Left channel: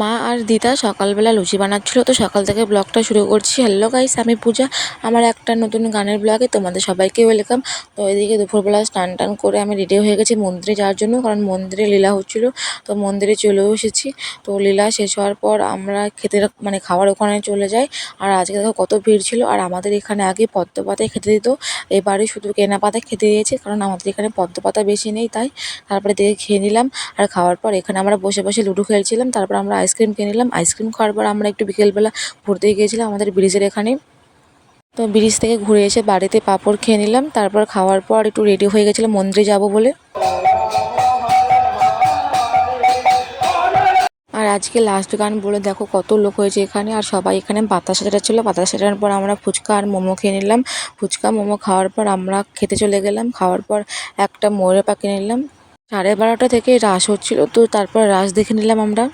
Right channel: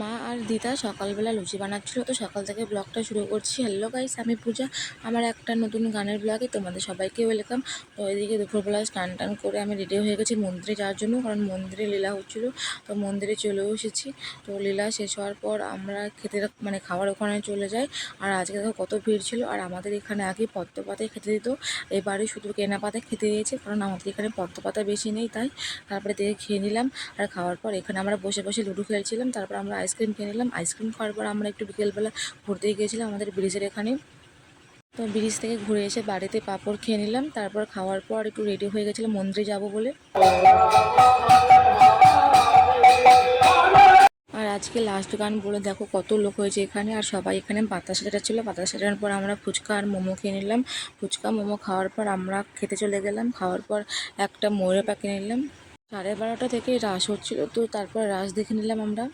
মা আর দিদা সকালবেলা লুচি বানাচ্ছিল, তো সকাল থেকে ব্লগটা শুরু করছি। হ্যালো গাইস, আমি পূজা। আমার একটা নতুন গানের ব্লগে তোমাদের সবাইকে ওয়েলকাম। তো এদিকে দুপুরবেলা স্নান টান করে আমি রেডি হয়ে গেছি মন্দিরে যাওয়ার জন্য, কারণ মন্দিরে লীলা হচ্ছিলো। তো মন্দিরে চলেও এসেছি। তো লীলা শেষ হওয়ার পর আমরা খেতে খাওয়ার ওখানে চলে যাই। আর আজকে দেখো কত ভিড় ছিল। আর আমাদের এখানে আগে পদ্ম পাতায় খেতে দিত, এবারে শুধু কেনা পাতায় খেতে দিয়েছে, কারণ আমাদের এখানে পদ্ম পাতা বেশি নেই তাই। তারপরে দেখে খেয়ে নিলাম। আর খাওয়ার পর এখানে আমরা বসে বসে লুডো খেলছিলাম। তারপর আমরা আইসক্রিম কিনে নিলাম। আইসক্রিম খাওয়ার পর আমরা একটু বিকেলবেলা ঘুরতে গিয়েছিলাম আমাদের ব্রিজের এখানে। তো ব্রিজ থেকে ঘুরে এসে বাড়িতে পাঁপড় খেয়ে নিলাম। তারপর খাওয়ার পর একটু রেডি হয়ে গেছিলাম মন্দিরে যাব বলে। আর আজকে লাস্ট গান বলে দেখো কত লোক হয়েছে এখানে। আর সবাই এখানে বাতাসা ছিল। বাতাসা চাটার পর আমরা ফুচকা আর মোমো খেয়ে নিলাম। ফুচকা মোমো খাওয়ার পর আমরা খেতে চলে গেলাম। খাওয়ার পর একটা ময়ূরের পাখি নিলাম। 12:30 থেকে রাস হচ্ছিল, তো তারপর রাস দেখে নিলাম আমরা।